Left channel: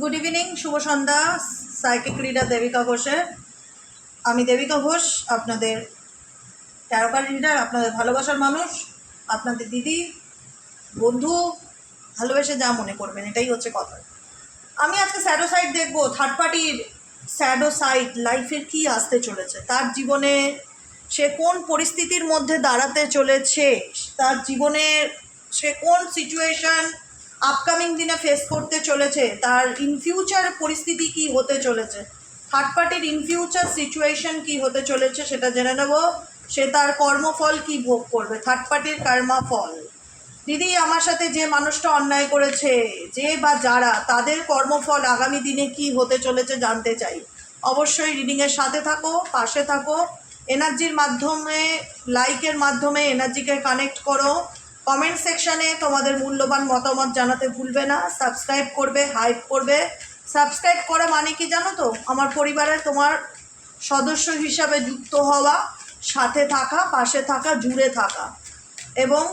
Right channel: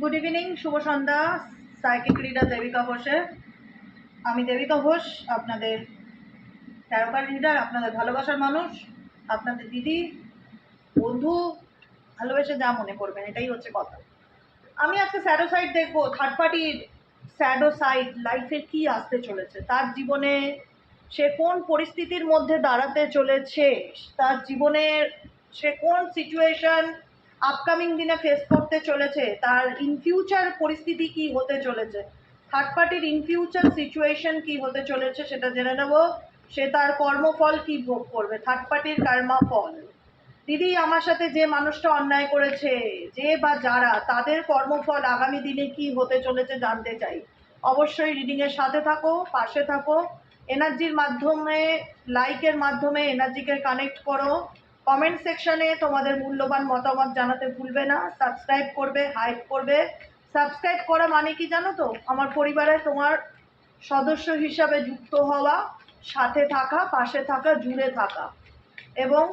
Good evening, শুভ সন্ধ্যা। Psychic reader Devika ঘোষে। আমি দেবিকা ঘোষ, আপনাদের ট্যারোকার রিডার, আপনাদের ভালোবাসার মানুষ, আপনাদের দিদি, বন্ধু, ভালোবেসে যা মনে করবেন, এটাই হচ্ছে কথা। আমি আজকে স্যাডো সাইড দেখবো, থার্ড পার্টির স্যাডো সাইড, লাইফের কি আসতে চলেছে, তার জীবনে সে কোন পরিস্থিতির মধ্যে দাঁড়াতে চলেছে, তার জীবনের সে কোন সিচুয়েশন আপকামিং দিনে ফেস করতে চলেছে, তার ইন ফিউচার পরিস্থিতি কি হতে চলেছে, থার্ড পার্টির ইন ফিউচার সিচুয়েশন কি হতে চলেছে সেটা জেনে নেব। সে তার কর্মফল কি ভোগ করবে, থার্ড পার্টির কর্মা ফল। দিদি, আমার সাথে যে মানুষটা অন্যায় করেছে, যে বা যারা, তাদের কর্মফল আগামী দিনে কি হতে চলেছে জানতে চাই। অবশ্যই রিডিংয়ের সাথে থাকো, পাশে থাকো, এনার্জির মাধ্যমে, লাইকের মাধ্যমে এনার্জিকে কানেক্ট করো। কমেন্ট সেকশানে তোমাদের মূল্যবান মতামত জানাতে ভুলবে না। সাবস্ক্রাইব করবে, হাইপ করবে। সাবস্ক্রাইব করা মানে কি জানো তো? আমার পরিবারে তোমার সদস্য হিসাবে যুক্ত হওয়া, সাথে থাকা, পাশে থাকা, জুড়ে থাকা, এবং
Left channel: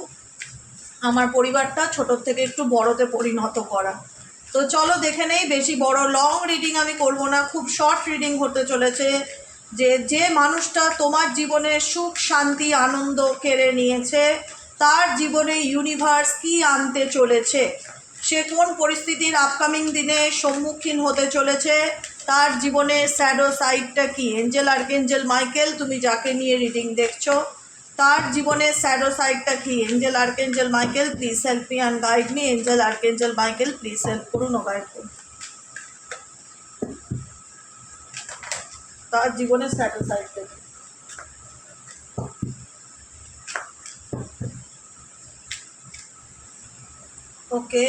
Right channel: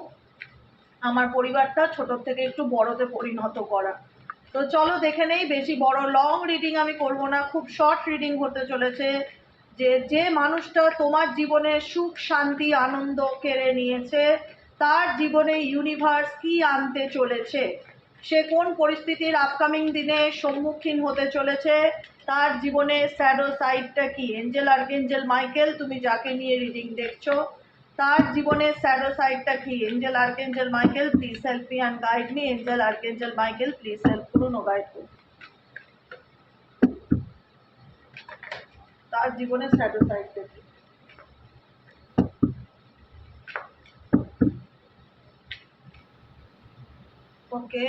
আমার পরিবারটা ছোটোর থেকে একটু বড়তে পরিণত করা। তো চলো দেখে নেই, বেশি বড় লং রিডিং আমি করব না, খুব শর্ট রিডিং হতে চলেছে। যে মানুষটা তোমার জীবনে সুখ, শান্তি, আনন্দ কেড়ে নিয়েছে, তার জীবনে ইউনিভার্স কি আনতে চলেছে, সে কোন পরিস্থিতির আপকামিং দিনে সম্মুখীন হতে চলেছে, তার জীবনে স্যাডো সাইডটা কি। এঞ্জেল, আর্কেঞ্জেল মাইকেল, তুমি যাকে নিয়ে রিডিং দেখছো, তার জীবনে স্যাডো সাইডটা কি। Angel, archangel Michael, please help me and guide me. Angel, archangel Michael, please help করুন ও গাইড করুন। তার জীবনে স্যাডো সাইডটা কি। ওকে,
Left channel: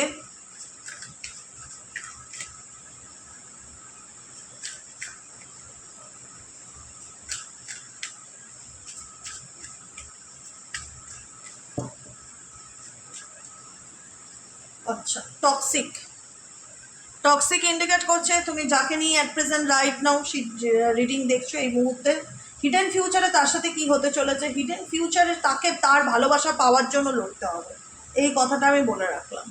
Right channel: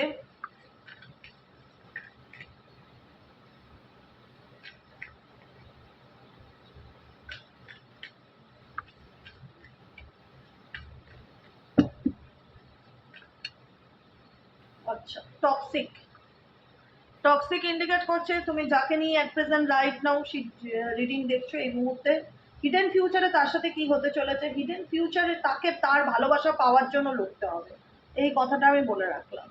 আচ্ছা, টক্সিক। টক্সিক ইন্ডিকেট করছে তুমি যাকে নিয়ে at present right now reading দেখছো এই মুহূর্তে। হিডেন ফিউচারে তার সাথে কি হতে চলেছে, হিডেন ফিউচারে তাকে তার ভালোবাসা পাওয়ার জন্য লড়তে হবে, এই কথাটা আমি বলে রাখলাম।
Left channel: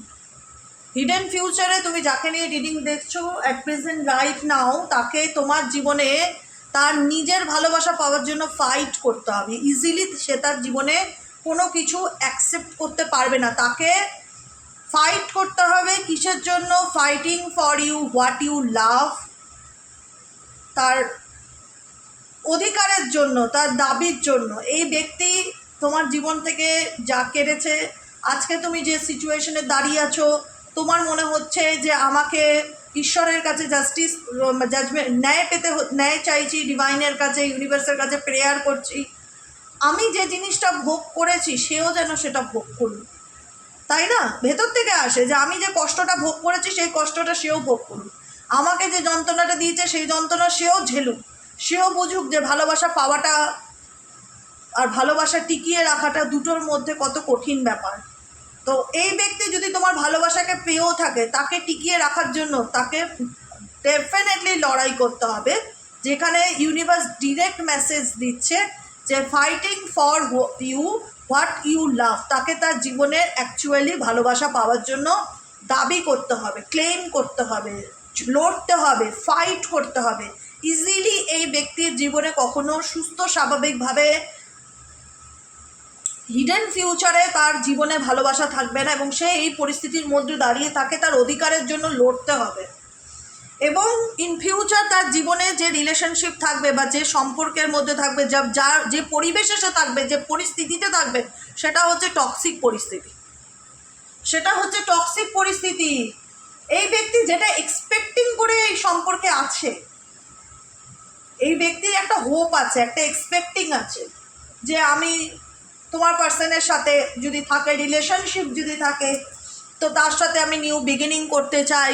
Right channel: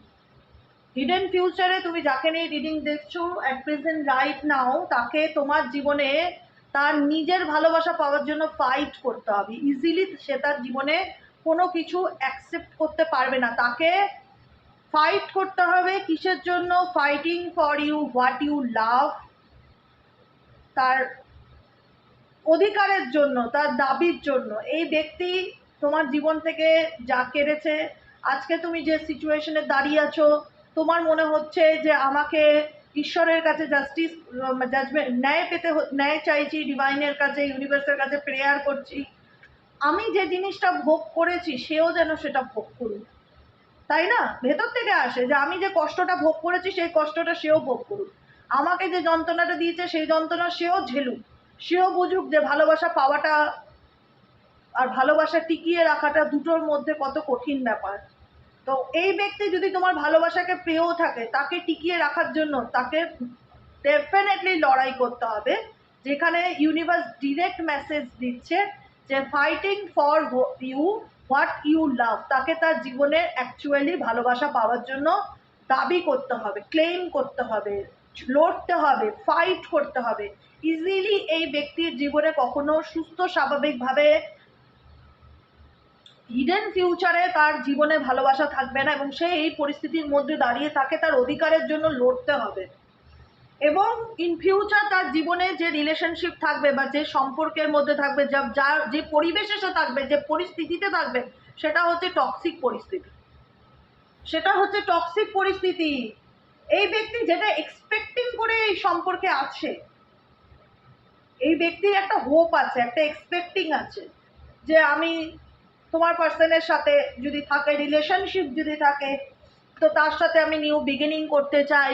হিডেন ফিউচারে তুমি যাকে নিয়ে রিডিং দেখছো অ্যাট প্রেজেন্ট রাইট নাও, তাকে তোমার জীবনে তার নিজের ভালোবাসা পাওয়ার জন্য ফাইট করতে হবে। ইজিলি সে তার জীবনে কোনো কিছু অ্যাকসেপ্ট করতে পারবে না, তাকে ফাইট করতে হবে। কিসের জন্য? Fighting for you what you love, তার অধিকারের জন্য, তার দাবির জন্য। এই ব্যক্তি তোমার জীবন থেকে যা কেড়েছে, আজকে তুমি যে সিচুয়েশনে দাঁড়িয়ে আছো, তোমার মনে হচ্ছে যে আমাকে ঈশ্বরের কাছে জাস্টিস, জাজমেন্ট, ন্যায় চাইছি, ডিভাইনের কাছে, ইউনিভার্সের কাছে প্রেয়ার করছি, আমি যে জিনিসটা ভোগ করেছি সেও যেন সেটা ভোগ করুক, তাই না? ভেতর থেকে আসে যে আমি যে কষ্টটা ভোগ করেছি সেই কষ্টটা সেও ভোগ করুক, আমাকে যে যন্ত্রণাটা দিয়েছে সেই যন্ত্রণা সেও ঝেলুক, সেও বুঝুক যে ভালোবাসা পাওয়াটা আর ভালোবাসা টিকিয়ে রাখাটা দুটোর মধ্যে কত কঠিন ব্যাপার। তো এই ব্যক্তি যদি তোমার ভালোবাসাকে পেয়েও থাকে, তাকে টিকিয়ে রাখার জন্য তাকে ডেফিনেটলি লড়াই করতে হবে, যেখানে ইউনিভার্স ডিরেক্ট মেসেজ দিচ্ছে যে fighting for you what you love, তাকে তার জীবনের অ্যাকচুয়ালি ভালোবাসা পাওয়ার জন্য দাবি করতে হবে, ক্লেম করতে হবে, লড়তে হবে, ফাইট করতে হবে। ইজিলি এই ব্যক্তির জীবনে কখনো সুস্থ স্বাভাবিকভাবে হিডেন ফিউচারে তার জীবনে ভালোবাসা থাকবে না, এবং সে এই পরিস্থিতির মধ্যে দাঁড়িয়ে তাকে তার অধিকারের জন্য লড়তে হবে। এবং ইন ফিউচার তার জীবনে যে রিলেশনশিপ থাকবে বা যে সম্পর্কের মধ্যে থাকবে, যে পরিবেশে সে থাকবে, যে পরিস্থিতিতে থাকবে, সেটা হচ্ছে টক্সিক পরিস্থিতি, সেটা হচ্ছে টক্সিক পরিস্থিতি। এই ব্যক্তি যেটা এক্সপেক্টিং করে এই সম্পর্কে আছে, এই ব্যক্তির একটা হোপ আছে, একটা এক্সপেক্টিং আছে যে আমি তোমার পার্সনের সাথে যদি থাকে, রিলেশনশিপ যদি থাকে, তো তার সাথে আমি নিউ বিগিনিং করতে চাই,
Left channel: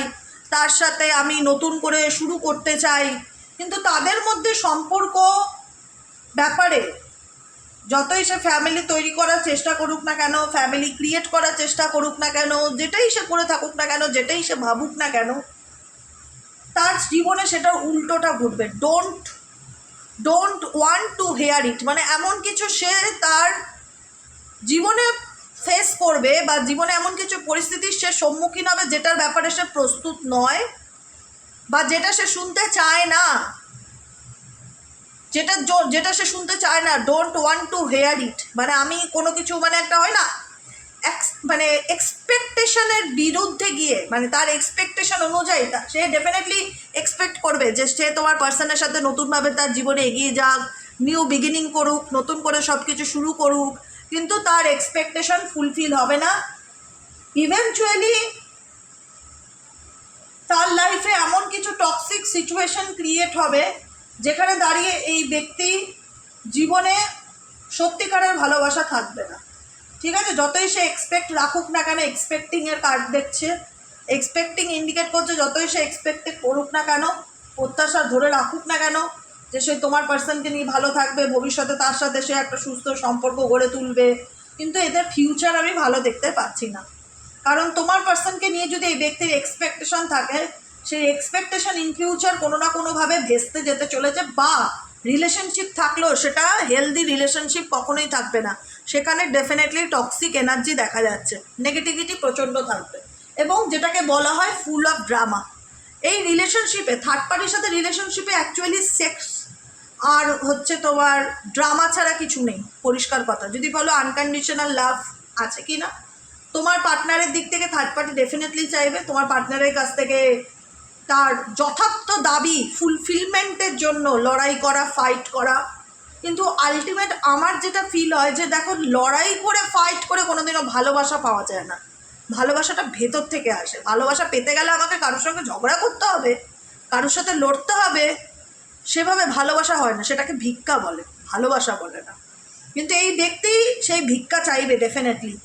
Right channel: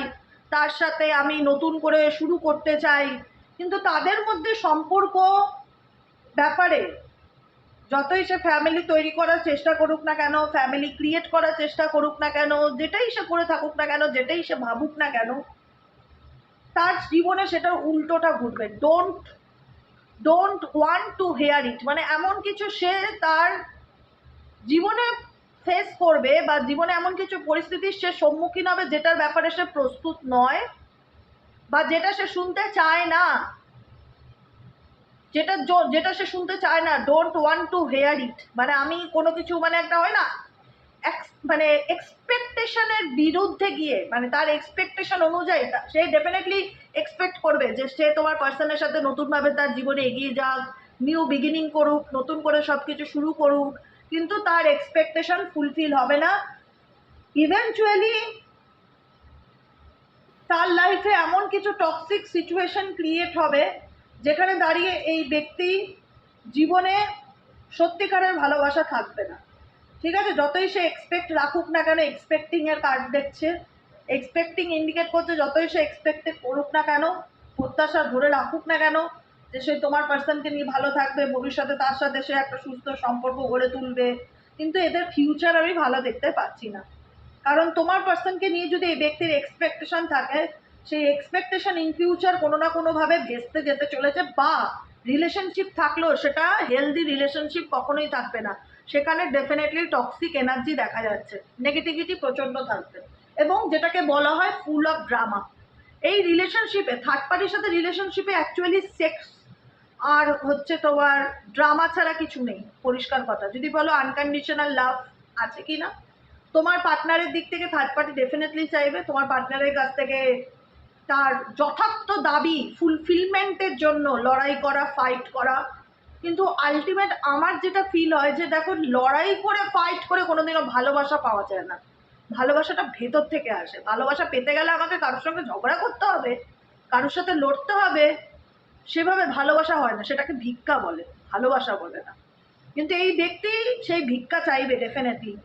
তার সাথে আমি নতুন করে শুরু করতে চাই। কিন্তু তাদের মধ্যে সম্পর্ক ব্যাপারে যতই সে ফ্যামিলি তৈরি করার চেষ্টা করুক না কেন, ফ্যামিলি ক্রিয়েট করার চেষ্টা করুক না কেন, যেটাই সে করে থাকুক না কেন, যেটাই সে ভাবুক না কেন, তার জীবনে সেটার উল্টোটা ঘটবে। ডোন্ট ওয়ান্ট টু হেয়ার ইট, মানে এমন কিছু সে তার জীবনে ফেস করবে বা জীবনে এমন কিছু পরিস্থিতির সে সম্মুখীন হবে যেটার ব্যাপারে সে প্রস্তুত নয়, বা যেটা সে শুনতে চায় না, যেটা সে শুনতে চায় না, ডোন্ট ওয়ান্ট টু হেয়ার ইট। মানে আমি কোনো কিছু মানে একটা হয় না, মানে এক্সপেকটেশনের বিরুদ্ধে গিয়ে, মানে তার এক্সপেকটেশন অনুযায়ী সে ডেফিনেটলি এক্সপেক্ট করবে যে সে তোমার পার্সনের সাথে নতুনভাবে তার জীবনে এগিয়ে যাক, নিউ বিগিনিং করুক, নতুন করে সব কিছু শুরু করুক, কিন্তু তার এক্সপেকটেশন ফুলফিল হবে না। ইভেনচুয়ালি তার লাইফে এমন কিছু টক্সিক সিচুয়েশন ক্রিয়েট হবে যেখানে দাঁড়িয়ে এই ব্যক্তি জীবনে সত্যিকারের ভালোবাসা থাকবে না। ঠিক আছে, যতই সে এক্সপেক্ট রাখুক না কেন, এক্সপেক্টিংয়ের কার্ড দেখছে, এক্সপেক্টিং ইন্ডিকেট করছে, যতই সে এক্সপেক্টেড করুক না কেন, প্রত্যাশা ধরে রাখুক না কেন যে সে তোমার পার্সনকে নিয়ে ভালো থাকবে, ভবিষ্যতে তার সাথে সে একটা সুস্থ সম্পর্ক গড়ে তুলবে, কিন্তু এদের ফিউচার আমি ভালো দেখতে পাচ্ছি না। কারণ তোমার পার্সনকে নিয়ে যদি এই ব্যক্তির এক্সপেকটেশন থাকে, সেই এক্সপেকটেশন ইন ফিউচার কোনো না কোনোভাবে ভেস্তে যেতে চলেছে, বা রিলেশনশিপ থাকলেও সেটা হেলদি রিলেশনশিপ কখনোই থাকবে না, সেখানে ডেফিনেটলি টক্সিক এনার্জি দেখা যাচ্ছে, নেগেটিভিটি প্রচণ্ড থাকবে, এবং যেটাকে বলা হয় ফুল অফ ড্রামা। এই রিলেশনশিপে, থার্ড পার্টির সাথে রিলেশনশিপে অ্যাকচুয়ালি সেক্স আর হচ্ছে তোমার ড্রামা ছাড়া কিছু নেই, পরিষ্কার কথা। যদি বলো আনকন্ডিশনাল লাভ আছে কি না, তোমার পার্টনারের দিক থেকে থার্ড পার্টি ডেফিনেটলি চাইবে তোমার পার্টনারের কাছ থেকে তার যথার্থ দাবি ফুলফিলমেন্টের জন্য লড়াই করা, ফাইট করা। কিন্তু আলটিমেট আমার যেটা ফিল হয় যে দেখো, লড়াই করে ফাইট করে কোনোদিনও ভালোবাসা পাওয়া যায় না। ভালোবাসাটা ভেতর থেকে আসে। ভালোবাসা পেতে গেলে আমাকে কারোর সঙ্গে ঝগড়া করতে হবে, কারোর সাথে লড়তে হবে, সেভাবে ভালোবাসা হয় না, সেটাকে ভিক্ষা বলে, ভালোবাসা বলে না। কিন্তু এই ব্যক্তি সেই ভিক্ষা চাইবে ডেফিনেটলি,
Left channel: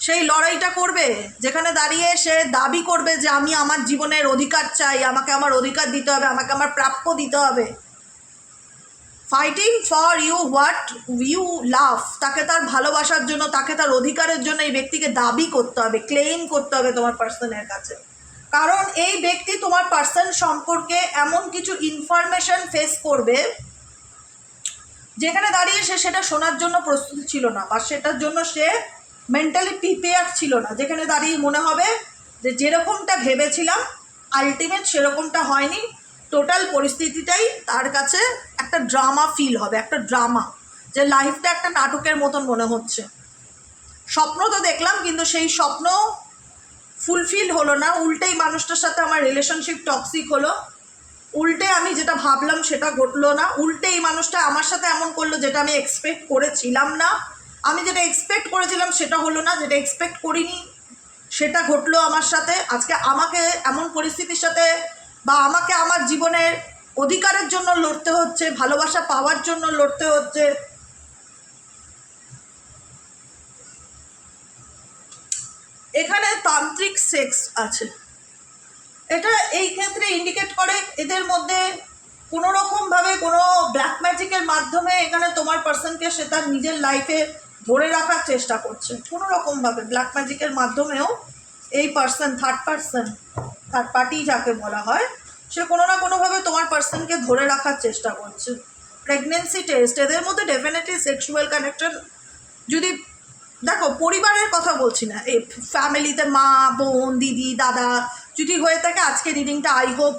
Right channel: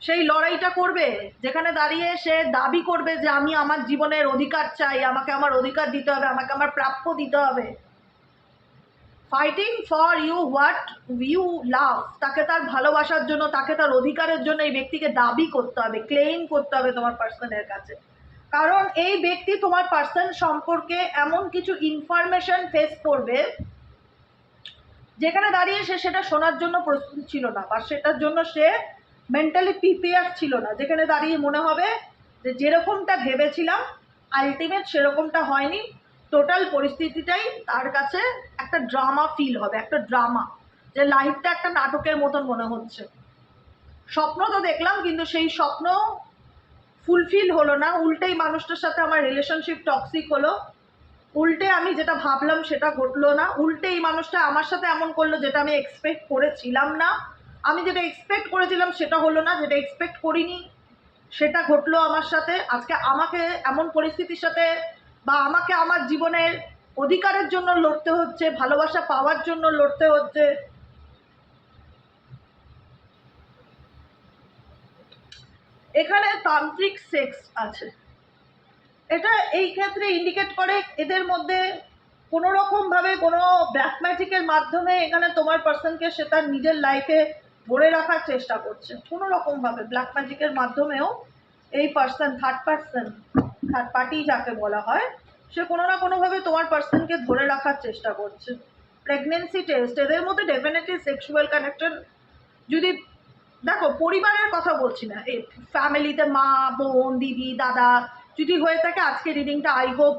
সেই লড়াইটা করবে যেখানে দাঁড়িয়ে সে দাবি করবে যে আমি আমার জীবনের অধিকার চাই, আমাকে আমার অধিকার দিতে হবে, আমাকে আমার প্রাপ্য দিতে হবে। Fighting for you what you love, তাকে তার ভালোবাসার জন্য, তাকে তার অধিকারের জন্য এই ব্যক্তিকে দাবি করতে হবে, ক্লেইম করতে হবে তোমার পার্সনের কাছে। কারণ এই ব্যক্তি তোমার পার্সন সম্পর্কে এমন কিছু ইনফরমেশন ফেস করবে যেখানে দাঁড়িয়ে সে সেটা শোনার জন্য প্রস্তুত ছিল না, বা সেটার জন্য সে মেন্টালি প্রিপেয়ার ছিল না, যেখানে দাঁড়িয়ে মনে হবে যে যেরকমটা ভেবেছিলাম আলটিমেট সেরকমটা হয়নি, টোটাল পরিস্থিতিটাই তার কাছে একটা ড্রামা ফিল হবে, একটা ড্রামা, যে লাইফটা একটা নাটকের মতন মনে হচ্ছে। স্বপ্ন তো দেখলাম, কিন্তু সেই স্বপ্ন ফুলফিল হলো না, উল্টেই মানুষটার সাথে আমার রিলেশনশিপ টক্সিক হলো, উল্টে আমি যেটা ভাবলাম সেটা ঘটলো না, উল্টে এই মানুষটা আমার সাথে এমন করলো যেটা আমি এক্সপেক্ট করেছিলাম না, আমি যেটা এক্সপেক্ট করেছিলাম সেটা হলো না, যেটা এক্সপেক্ট করিনি সেটা ঘটলো আমার সাথে। আজকে আমাকে এমন পরিস্থিতির সাথে, বা আমাকে আমার জীবনের অধিকারের জন্য লড়তে হচ্ছে, ভালোবাসা পাওয়ার জন্য লড়তে হচ্ছে। এখানে তান্ত্রিক সেক্স আছে, এটা এই ক্ষেত্রে ইন্ডিকেট করে এদের মধ্যে কোনো রকমভাবে কোনো ব্ল্যাক ম্যাজিকের মাধ্যমে এখানে তোমার পার্সনকে সে তার নিজের লাইফে ধরে রাখার চেষ্টা করছে। কোনো রকমভাবে ব্ল্যাক ম্যাজিকের মাধ্যমেও এই পার্সন, থার্ড পার্টি যাকে বলা হয়, সে কোনো না কোনোভাবে তোমার পার্সনকে ধরে রাখার চেষ্টা করছে। প্রেগনেন্সি টেস্ট, এদের মধ্যে ডেফিনেটলি সেক্সুয়াল কানেকশন, যদি দেখো পরিবারের কথা বলছি না, এই ফ্যামিলিতে মা, বোন, দিদি, দাদা যদি হয়ে থাকে, আজকে রিডিংটা আই হোপ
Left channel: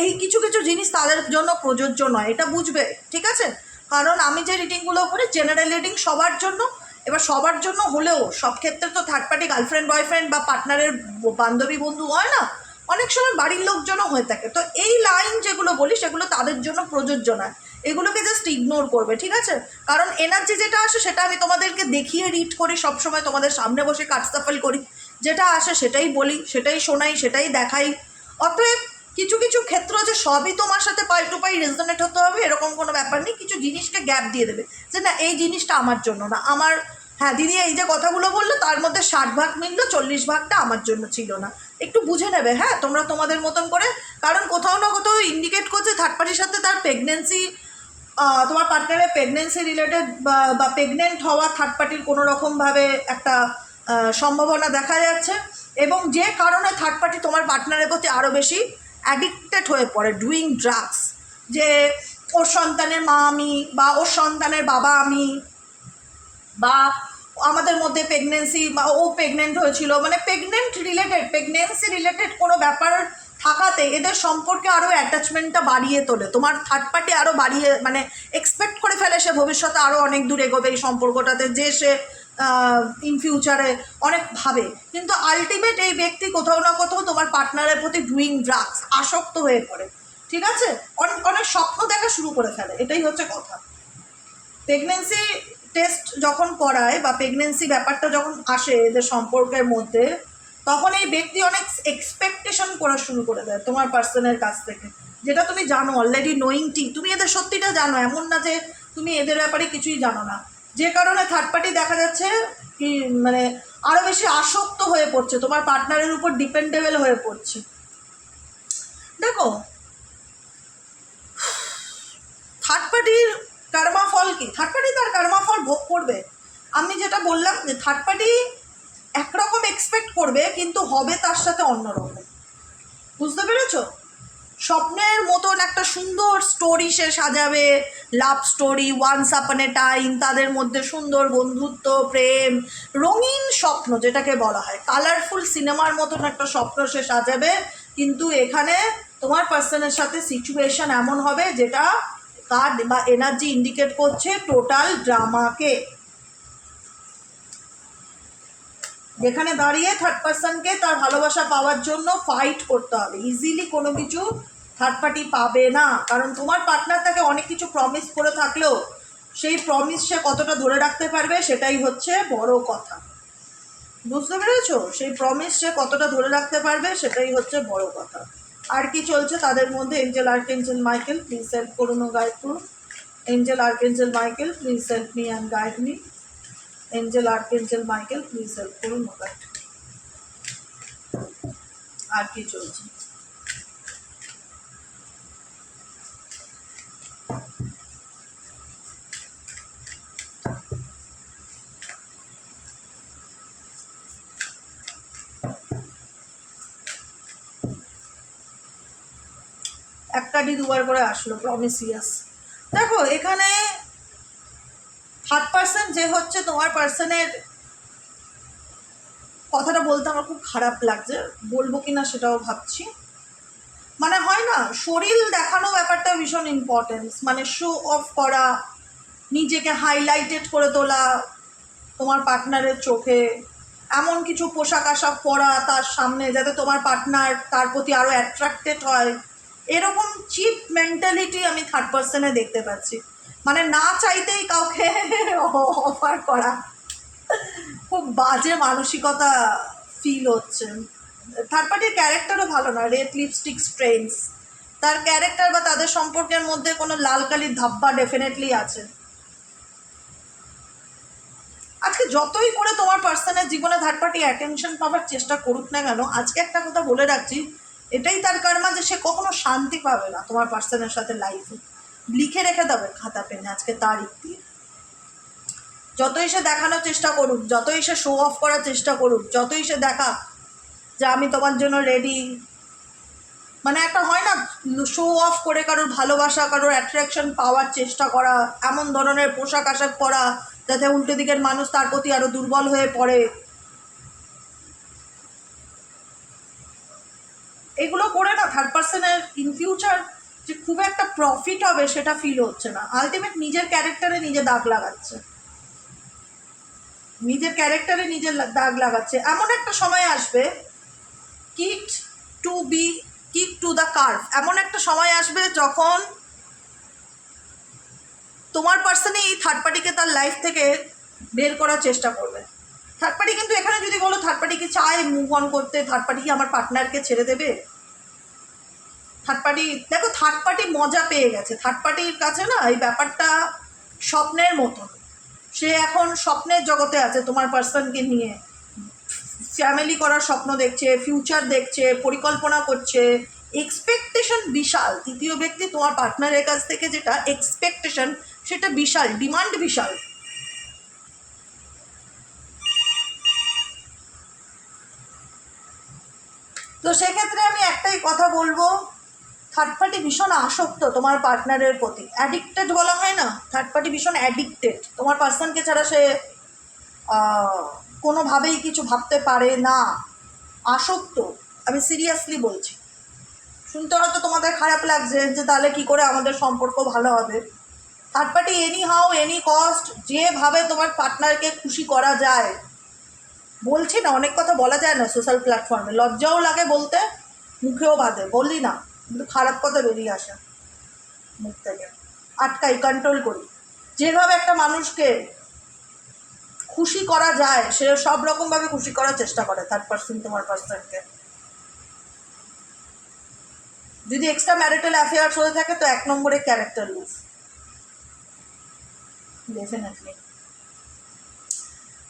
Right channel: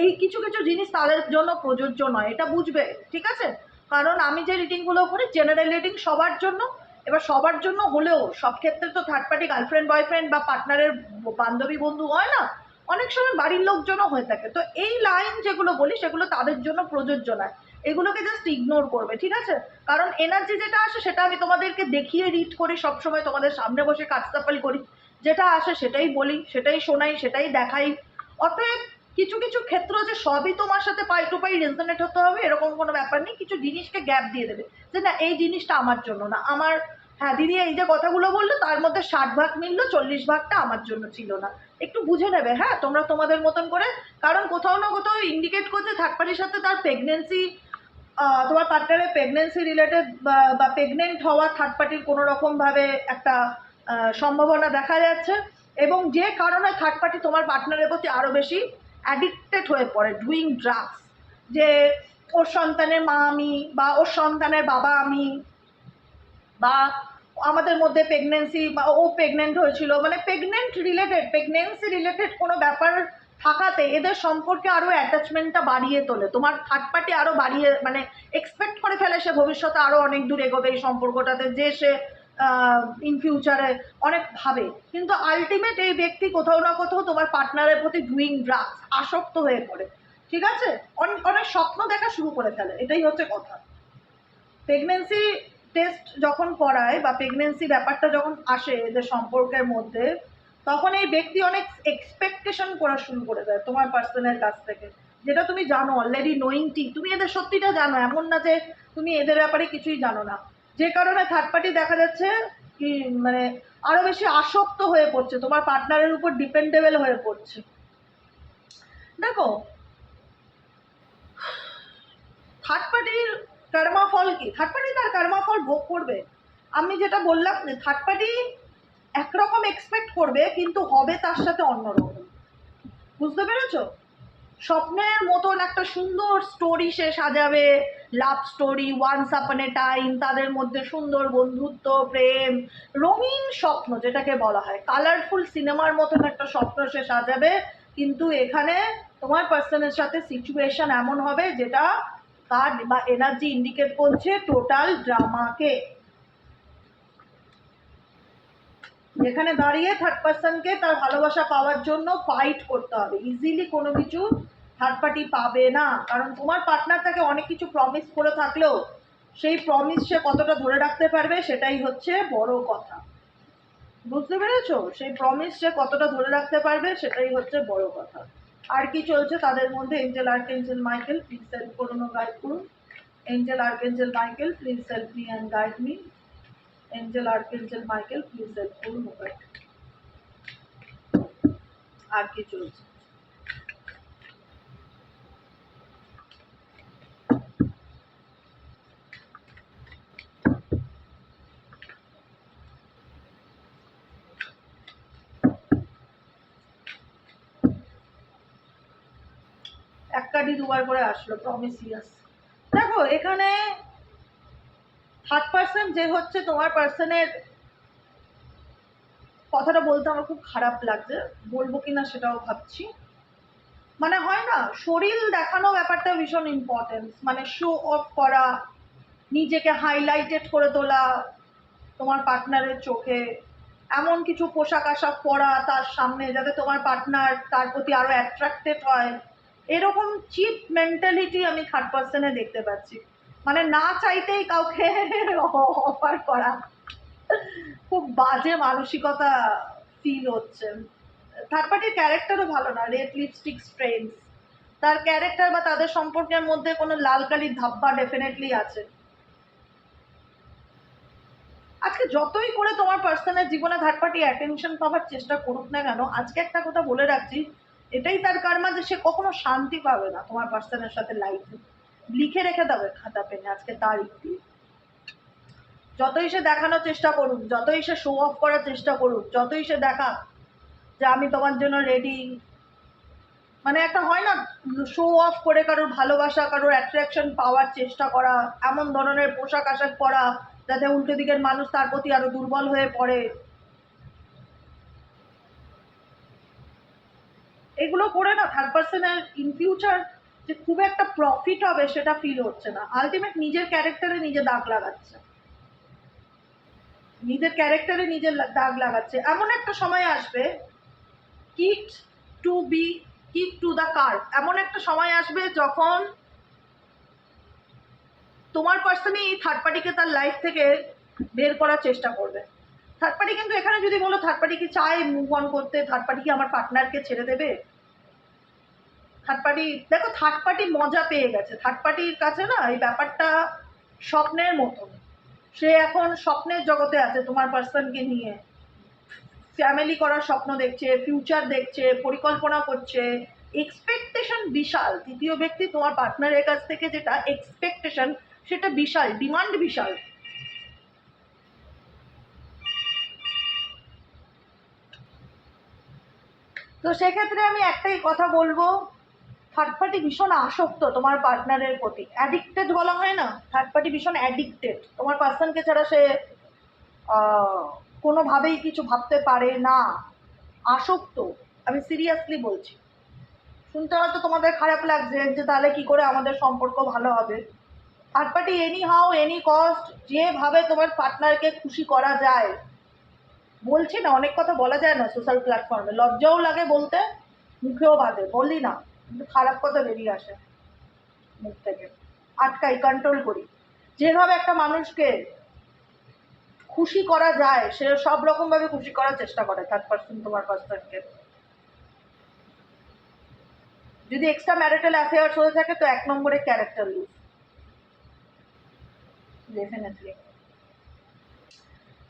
এই কিছু কিছু জিনিস তাদের জন্য প্রযোজ্য নয়, এটা বুঝবে, ঠিক আছে? কারণ আমি যে রিডিংগুলো করি জেনারেল রিডিং সবার জন্য, এবার সবার জন্য হলেও সব ক্ষেত্রে তো থার্ড পার্টি গার্লফ্রেন্ড বয়ফ্রেন্ড বা পার্টনারের বান্ধবী বন্ধু হয় না, অনেক সময় বাড়ির লোকজনও হয়ে থাকে। তো এই লাইন যেগুলো বলি সেগুলো তাদের জন্য প্রযোজ্য নয়, এগুলোকে জাস্ট ইগনোর করবে, ঠিক আছে? কারণ এনার্জি যেটা আসে সেটা আমি তোমাদেরকে দেখিয়ে রিড করি, সবসময় তোমাদের সামনে বসে কাটসাফল করি, যেটা আসে সেটাই বলি, সেটাই শোনাই, সেটাই দেখাই। অতএব কিছু কিছু ক্ষেত্র যে সবই তোমার সাথে পাই টু পাই রেজনেট হতে হবে এরকম কোনো ব্যাপার নেই, কিছু জিনিসকে গ্যাপ দিয়ে দেবে যে না এই জিনিসটা আমার জন্য না, আমার, হ্যাঁ দিদি এই যে কথাগুলো বললো তার মধ্যে 60 ভাগ মিললো, 40 ভাগটা আমার জন্য ছিল না, একটু বুঝে নেবে, হ্যাঁ তোমরা তোমাদের মতন করে। কারণ কোথাও না কোথাও ইন্ডিকেট করছে থার্ড পার্টির সাথে তার প্রেগনেন্সি, তোমার পার্টনারের প্রেগনেন্সি রিলেটেড বা প্রেগনেন্ট হওয়া থার্ড পার্টির কোনো রকমভাবে একটা সম্ভাবনা দেখা যাচ্ছে, এবং যে কারণে থার্ড পার্টি তোমার পার্টনারের প্রতি আরও বেশি অ্যাডিক্টেড হয়ে পড়ে, ডুইং ড্রাগস, যে ওর সন্তানের মা আমি, বা ওর সন্তানের বাবা আমি, বা আমাদের মধ্যে প্রেগনেন্সি, বা ও প্রেগনেন্ট হয়েছিল, মানে প্রেগনেন্সি রিলেটেড কোনো ব্যাপার থাকাতে এদের সম্পর্কে আরও অ্যাটাচমেন্টটা বাড়িয়ে তোলে, তোমার থার্ড পার্টি আরও বাড়িয়ে মানে এক্সপেক্ট করে ফেলে সে ভবিষ্যতে আরও অনেক দূর এগোবে এই সম্পর্কটাতে, যে সে ইন ফিউচারে অনেক ভাবে, কিন্তু আলটিমেট এই ব্যক্তি কোথাও না কোথাও তোমার পার্টনারের প্রতি ডুইং ড্রাগস আসক্ত হয়ে পড়ে, ঠিক আছে, অনেক অনেক স্বপ্ন দেখা শুরু করে ফেলে, এটাই হচ্ছে কথা। প্রেগনেন্সি টেস্ট যখন করায় বা প্রেগনেন্সি ব্যাপারটা যখন আসে এদের সম্পর্কের মধ্যে, তখন এই ব্যক্তি অনেক এক্সপেকটেশন করা শুরু করে দেয় তোমার পার্সনের কাছ থেকে, যেটা তুমি জানো অলরেডি নোয়িংটি, তুমি এদের সত্যিটা জানো, এমন না যে তুমি এদের ব্যাপারে কিছুই জানো না, যে কারণে থার্ড পার্টি দেখা যাচ্ছে কি মানে আরও বেশি আসক্ত হয়ে পড়ছে, তোমার পার্টনারের উপর ডিপেন্ডেবল হয়ে পড়ছে। দেখো থার্ড পার্টির কর্মা ফল কি, থার্ড পার্টি তার কর্মা ফল ভোগ করবে। আমি যেটা বললাম যে থার্ড পার্টি একরকম এক্সপেক্ট করবে কিন্তু হবে তার সাথে অন্যরকম, বুঝতে পেরেছো? স্বপ্নের মতন একটা সুন্দর স্টোরি সে সাজাবে, লাভ স্টোরি, ওয়ান্স আপন এ টাইম, তাদের মধ্যে সুন্দর বন্ধুত্ব, প্রেম, রঙিন স্বপ্ন যেটাকে বলা হয়, কালারফুল সিনেমার মতন একটা স্বপ্ন সে সাজাবে, কিন্তু এখানে তোমার পার্সনের সাথে সিচুয়েশন এমন হবে যেটা কার্ড বা এনার্জি ইন্ডিকেট করছে টোটাল ড্রামাকে, যেখানে দাঁড়িয়ে থার্ড পার্সনকে তার ভালোবাসা পাওয়ার জন্য ফাইট করতে হবে। ইজিলি কোনো কিছু থার্ড পার্টি পাবে না, কারণ তোমার পার্টনার তাকে অনেক কিছু প্রমিস করে থাকলেও সেই প্রমিস সে কতটা ধরে রাখতে পারবে সেটাই হচ্ছে বড় কথা, বুঝতে পেরেছো? সেই প্রমিস সে কতটা ধরে রাখতে পারবে সেটাই হচ্ছে বড় কথা। আর কি চলছে তাদের মধ্যে? Angel archangel Michael please help করুন ও গাইড করুন। Angel archangel Michael please help me and guide me. Angel archangel Michael please help করুন ও গাইড। আর কি চলছে? এক কার্ডই দুবার করে আসলো, প্রমিসিয়াস। দেখো এখানে থার্ড পার্সন যে হচ্ছে তোমার পার্সনের, কথাটা বলতে আমার খুব খারাপ লাগছে, বলবো কিনা সেটাও ভাবছি, মানে হয় না শরীর দেখানো ব্যাপারটা ভীষণ ইম্পর্টেন্স, মানে শো অফ করা, নিজেকে হাইলাইটেড করে তোলা তোমার পার্টনারের চোখে, এমন কিছু পোশাক আশাক পরা তার সামনে যাতে তোমার পার্টনার তার প্রতি আরও অ্যাট্রাক্টেড হয়, এরকম চিপ মেন্টালিটি আমি থার্ড পার্সনে দেখতে পাচ্ছি, মানে না চাইতেই কাউকে অফার করা, খুব বাজে মানসিকতা ফিল হচ্ছে। থার্ড পার্টির ক্যারেক্টারও ভালো না, রেড লিপস্টিক স্ট্রেন্স, তার ক্যারেক্টার বা তাদের সম্পর্কের মধ্যে কোনো লাল কালির ধাব্বা ডেফিনেটলি আছে। আজকে যতই করে তোমার পার্সনের জীবনে থার্ড পার্টি অ্যাটেনশন পাওয়ার চেষ্টা করুক না কেন, আজকে একটা কথা বলে রাখছি, এটাই তার কারণে যে সে কখনো শান্তি পাবে না তোমার পার্সনের সাথে লাইফে, লিখে রেখে দেবে খাতা পেনে আজকে তারিখ দিয়ে। যতই সে দেখানোর চেষ্টা করুক, যতই সে শো অফ করার চেষ্টা করুক, যতই সে দেখা যে আমি তোমার জন্য রেডি, মানে একটা হয় না শো অফ করে কারোর ভালোবাসা, কারোর অ্যাট্রাকশন পাওয়ার চেষ্টা করা, এমন ধরনের পোশাক আশাক পরা যাতে উল্টো দিকের মানুষ তার প্রতি আরো দুর্বল হয়ে পড়ে, এগুলো করে না থার্ড পার্সনের ইন ফিউচার যে খুব একটা প্রফিট হবে সেটা ফিল হচ্ছে না। আলটিমেট নিজের ক্যারেক্টারে নিজে দাগ লাগাচ্ছে, নিজের ক্যারেক্টারে নিজের দাগ লাগাচ্ছে। এমন একটা সময় আসবে কিক টু দ্য কার্ভ, এমন একটা সময় আসবে যখন তোমার পার্সনই এই থার্ড পার্টিকে তার লাইফ থেকে বের করার চেষ্টা করবে। থার্ড পার্টি কিন্তু এখানে যদি বলো থার্ড পার্টি কি চায় মুভ অন করতে, থার্ড পার্টি কি আমার পার্টনারকে ছেড়ে দেবে? থার্ড পার্টি দেখো, থার্ড পার্টি মজা পেয়ে গেছে, থার্ড পার্টির কাছে না এই ব্যাপারটা স্বপ্নের মতন, সে এখন স্বপ্নের জগতে আছে তোমার পার্সনকে নিয়ে, ফ্যামিলি করার স্বপ্ন দেখছে, ফিউচার দেখছে, পরিকল্পনা করছে, এক্সপেকটেশন বিশাল। তৃতীয় ব্যক্তি তোমার পার্টনারের কাছ থেকে যেটা এক্সপেকটেশন সেটা বিশাল, ডিমান্ড বিশাল। তো সেক্ষেত্রে আমি একটাই কথা বলবো, থার্ড পার্টি ভীষণ আসক্ত তোমার পার্টনারের প্রতি, অ্যাডিক্টেড বলা হয় না, থার্ড পার্টি ভীষণ অ্যাডিক্টেড তোমার পার্সনকে ছাড়া সে কোনোভাবেই কিছু ভাবতে পারে না, আসক্ত, আমি সিরিয়াসলি বলছি। শুনতে হয়তো তোমাদের খারাপ লাগছে যে তাহলে কি করে আমাদের সম্পর্ক ভালো হবে। Third party any how any cost যেভাবে তোমার পার্টনারকে খুশি করা যায়, বলছি না অনেক কথা বলা যায় না সোশ্যাল প্ল্যাটফর্মে, লজ্জাও লাগে বলতে, মুখেও বাঁধে, বলি না কিন্তু খারাপ কথা বেরিয়ে আসে মুখ থেকে, আটকাই, কন্ট্রোল করি। যেভাবে একটা মানুষকে খুশি করা যায় সে সব রকমভাবে খুশি করার চেষ্টা করে থার্ড পার্সন তোমার পার্সনকে। যদি এক্সট্রা ম্যারিটাল অ্যাফেয়ার্স হয়ে থাকে তো 1 নম্বরে ক্যারেক্টার লুজ, ডেফিনেটলি।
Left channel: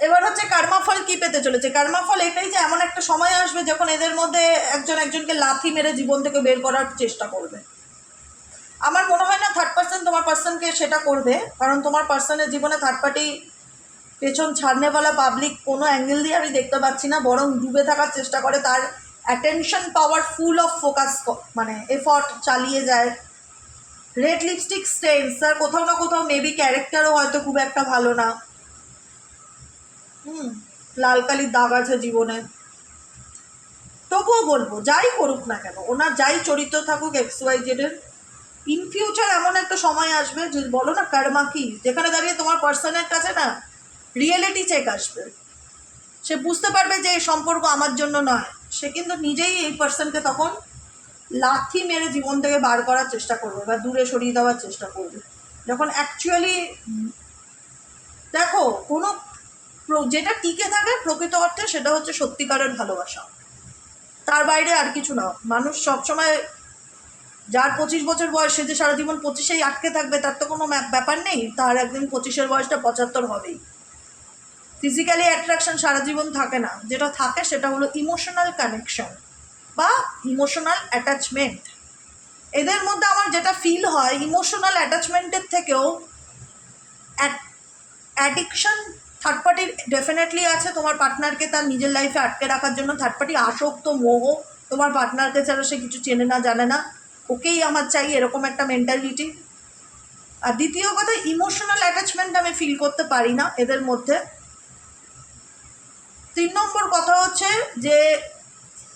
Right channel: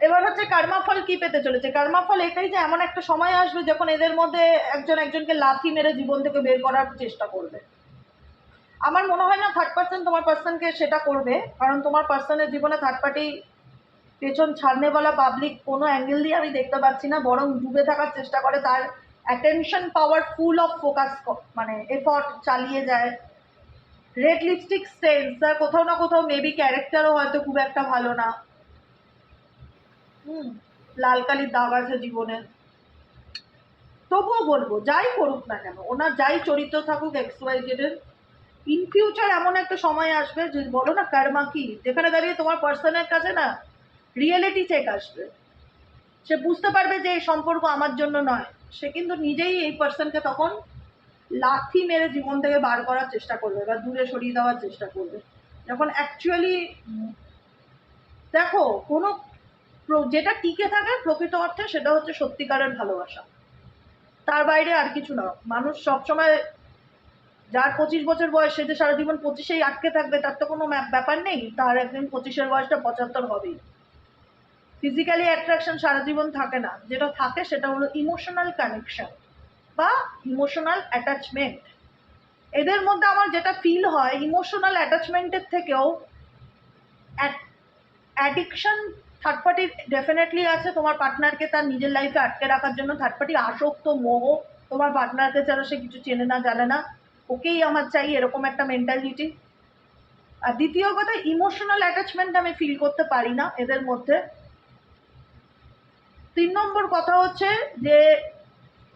এবার হচ্ছে কর্মফল কি পেতে চলেছে। কর্মফল এটাই যে এমন একটা সময় আসবে যখন এদের মধ্যে একজন একজনকে লাথি মেরে জীবন থেকে বের করার চেষ্টা করবে। আমার মনে হয় না থার্ড পার্সন তোমার পার্সনকে সেটা করবে, কারণ তোমার পার্সনের জীবনে থার্ড পার্টি পেছন ছাড়নেওয়ালা পাবলিক কোনো অ্যাঙ্গেল দিয়ে আমি দেখতে পাচ্ছি না, বরং ডুবে থাকার চেষ্টা করে, তার attention power full of focus মানে এফর্ট চালিয়ে যায়। রেড লিপস্টিক স্টেন্স, তার কোথাও না কোথাও মেবি ক্যারেক্টারও হয়তো খুব একটা ভালো না, লাল কালির দাগ আছে জীবনে। তবুও বলবো যাই করুক না কেন, ওনার যাই চরিত্র থাকুক XYZ এর, ইন ফিউচার এমন একটা সময় আসবে যে বলো না কর্মা কি, যেখানে দাঁড়িয়ে তোমার পার্সনের কাছে না রিয়েলিটি চেক আসবে। সে বুঝতে পারবে যে এই সম্পর্ক আমার জন্য নয়, সে কিন্তু নিজেই এই পার্সনকে তখন লাথি মেরে জীবন থেকে বার করার চেষ্টা করবে বা দূরে সরিয়ে দেওয়ার চেষ্টা করবে। যখন অ্যাকচুয়ালি দেখো কোনো যেটা টিকে থাকে প্রকৃত অর্থে সেটা হচ্ছে সত্যিকারের ভালোবাসা, তার বাইরে আর কিছু না। মানুষ সবসময় যার 25 বছর বয়স সে যে সারা জীবন 25-এই আটকে থাকবে তার তো কোনো ব্যাপার নেই, তার একদিন 25-এর বয়সটা 75 হবেই। ফিজিক্যালি অ্যাট্রাকশন সারা জীবন থাকে না, যেটা থাকে সেটা হলো ইমোশনাল কানেকশন বা ইমোশনাল অ্যাটাচমেন্ট। এদের মধ্যে আমার যেটা ফিল হয় ইমোশনাল অ্যাটাচমেন্টের থেকেও অ্যাডিকশন থার্ড পার্টির ডেফিনেটলি আছে। তোমার পার্টনারকে তার নিজের লাইফে আটকে রাখার জন্য থার্ড পার্টি আসক্ত, মোহ, তোমার পার্টনারকে ছাড়া সে কিছু চেনে না জানে না, ওকেই আমার চাই, এরকম একটা মেন্টালিটি। আর দ্বিতীয় কথা, ইমোশনাল অ্যাটাচমেন্ট আমি ফিল করতে পারি না এদের মধ্যে। 3 নম্বর কথা হচ্ছে যে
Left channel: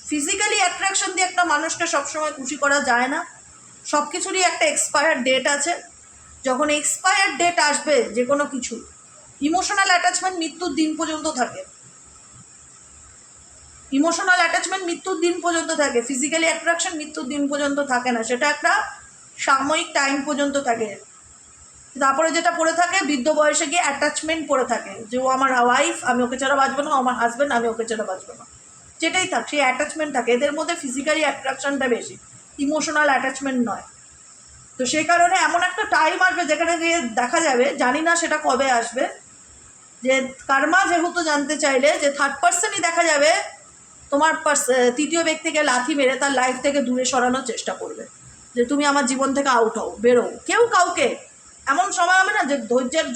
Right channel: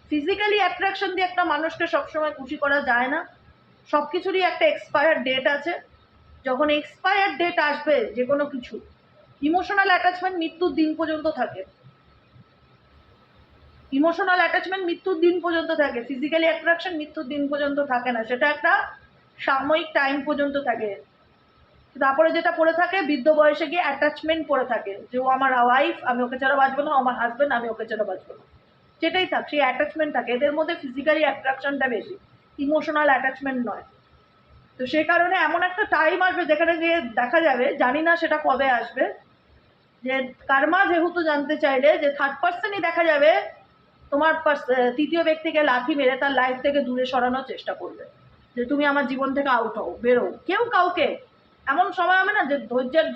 ফিজিক্যালি অ্যাট্রাকশন দিয়ে একটা মানুষকে সবসময় খুশি করা যায় না, সব কিছুরই একটা এক্সপায়ার ডেট আছে। যখন এক্সপায়ার ডেট আসবে যে কোনো কিছু, ইমোশনাল অ্যাটাচমেন্ট মৃত্যুর দিন পর্যন্ত থাকে, ইমোশনাল অ্যাটাচমেন্ট মৃত্যুর দিন পর্যন্ত থাকে, ফিজিক্যালি অ্যাট্রাকশন মৃত্যুর দিন পর্যন্ত থাকে না, সেটা একটা সাময়িক টাইম পর্যন্ত থাকে। তারপরে যেটা পড়ে থাকে বৃদ্ধ বয়সে গিয়ে অ্যাটাচমেন্ট পড়ে থাকে, যে ও আমার ওয়াইফ আমি ওকে ছাড়া বাঁচবো না, আমার হাজব্যান্ড আমি ওকে ছাড়া বাঁচবো না, যেটাই থাক সেই অ্যাটাচমেন্ট থাকে। এদের মধ্যে ফিজিক্যালি অ্যাট্রাকশনটা বেশি, ইমোশনাল অ্যাটাচমেন্ট নয়। তো সেই কারণে এমন একটা টাইম আসবে যেখানে গিয়ে দেখা যাবে, জানি না সেটা কবে আসবে, যে কর্মা যেহেতু জানতে চাইলে যে থার্ড পার্সনই দেখা যাবে তোমার তৃতীয় ব্যক্তিকে লাথি মেরে তার লাইফ থেকে দূরে সরানোর চেষ্টা করবে, যে তুমি আমার জীবন থেকে আউট হও, বেরো। কেউ কাউকে এমন সময় হবে না যে ধৈর্যের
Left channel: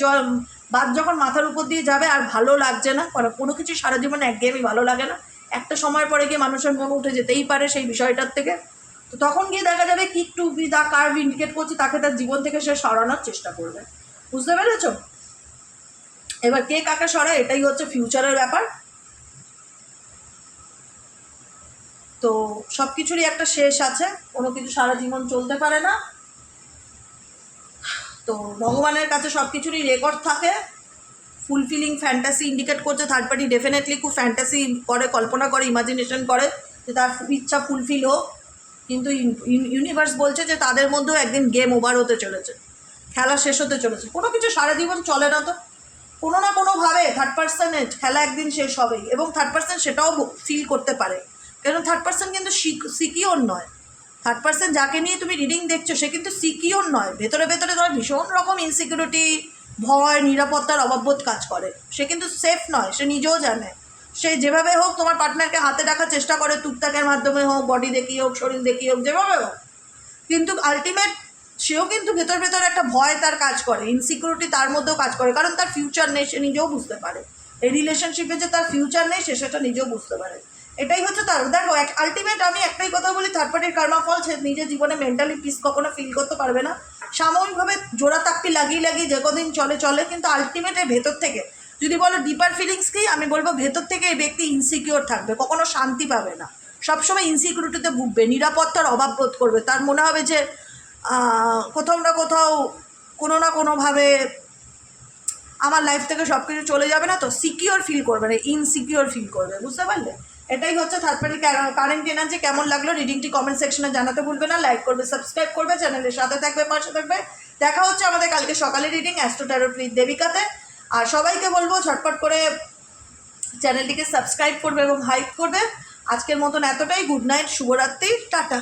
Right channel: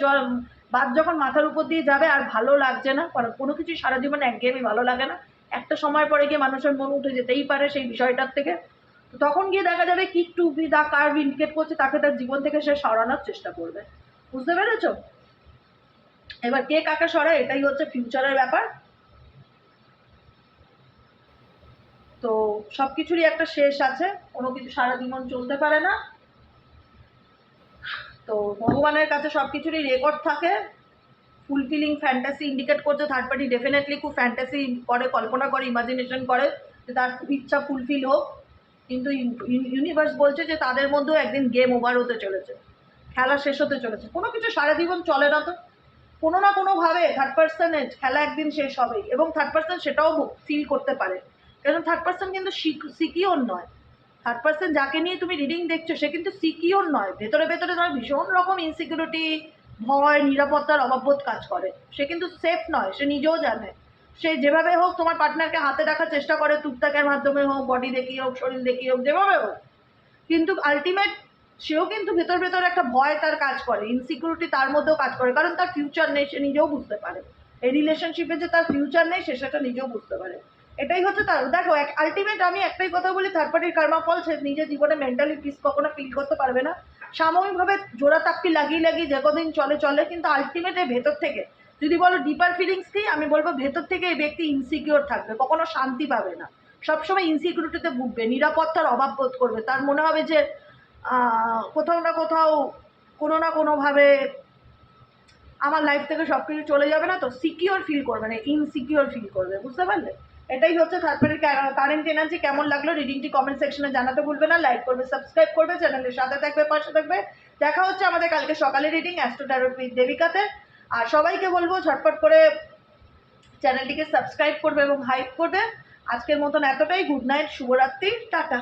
বাদ যখন মাথার উপর দিয়ে যাবে আর ভালো লাগছে না, কারণ কোনো কিছু সারা জীবনে একঘেয়েমি ভালো লাগে না, একটা সময় পরে গিয়ে মানুষের মন উঠে যেতেই পারে সেই বিষয়টার থেকে। তো তখন গিয়ে দেখা যাবে কিক টু বি দা কার্ভ ইন্ডিকেট করছে, তাকে তার জীবন থেকে সে সরানোর চেষ্টা করবে। বুঝতে পেরেছ? এবার কে কাকে সরায় এটাই হচ্ছে ফিউচারের ব্যাপার। তো সব কিছুরই একটা শেষ আছে, কোনো কিছু সারা জীবন চলতে পারে না। তো ভগবানের কাছে সব কিছুরই রেকর্ড থাকে। ফুলফিলিং ফ্যান্টাসি ইন্ডিকেট করছে থার্ড পার্টি ডেফিনেটলি খুব ফ্যান্টাসি করে, কল্পনা করে, ইমাজিনেশন করে যে তার ইচ্ছা ফুলফিল হোক, কিন্তু ইউনিভার্স বলছে যে তাদের মধ্যেও একদিন গেম ওভার হতে চলেছে, খেলা শেষ হতে চলেছে। কোনো কিছু সারা জীবন চলে না, তো কোনো না কোনোভাবে থার্ড পার্সনের খেলা একদিন শেষ হবেই, এবং থার্ড পার্সন সেটাও ফিল করতে পারে, কারণ থার্ড পার্সন কিন্তু সিকিওর নয়। থার্ড পার্সন যাকে নিয়ে তুমি রিডিং দেখছো সে কিন্তু সিকিওর নয়, ভেতরে ভেতরে তার ভীষণ রকম ইনসিকিউরিটি, ভয়, নিরাপত্তার অভাববোধ কাজ করে, সে কিন্তু সেফ নয়, সে নিজেও জানে। সে যেভাবে হোক তোমার পার্টনারকে হাতে রাখার চেষ্টা করে, টুকটাকের মাধ্যমে হোক, বডি দেখিয়ে হোক, শরীর দেখিয়ে হোক, যেভাবে হোক, কিন্তু আলটিমেট সেও কিন্তু ভেতর ভেতর একটা ভয় তার কাজ করে, ইনসিকিউরিটি তার মধ্যেও কাজ করে, কারণ তার ফিউচার নেই, সে নিজেও বুঝতে পারে এই রিলেশনশিপে যে তার ফিউচার নেই, সে সেটা নিজেও বুঝতে পারে। এটাই হচ্ছে তার, দেখো আলটিমেট আমি একটাই কথা বলি, থার্ড পার্টির কর্মফল সে নিজের জীবনে মেন্টালি পিস কখনো ফিল করতে পারবে না। সাময়িকভাবে জোড়া তাপ্পি লাগিয়ে লাগিয়ে যে কদিন চলে চলে, কিন্তু আলটিমেট ভেতর থেকে যদি বলো ডিপার ফিলিংস কি, আমি বলবো ভেতর থেকে এই ব্যক্তি ইনসিকিওর থাকবে, কখনো শান্তি পাবে না, সবসময় ইনসিকিউরিটিতে ভুগবে, নিরাপত্তার অভাব বোধ করবে, তার মনে হবে যে কোথাও না কোথাও কোনো না কোনোভাবে আমার লাইফ থেকে সব কিছু চলে যাবে না, তো সিকিওর ফিল করবে না, ইনসিকিওর ফিল করবে, বুঝতে পারলে? এটাই হচ্ছে থার্ড পার্টি কারেন্ট এনার্জি। কেমন লাগলো রিডিংটি কমেন্ট সেকশনে জানাতে ভুলবে না, লাইক করবে, সাবস্ক্রাইব করবে, চ্যানেলের সাথে থাকবে, পাশে থাকবে। দেখা হচ্ছে আমাদের কালকে সকালে রিডিং অ্যাস্ট্রো ট্যারোট উইথ দেবিকাতে। আর সবাইকে বলবো ঝটপট করে চ্যানেলটিকে সাবস্ক্রাইব করবে এবং হাইপ করবে। আজকের মতন এতটাই, গুড নাইট, শুভরাত্রি, টাটা।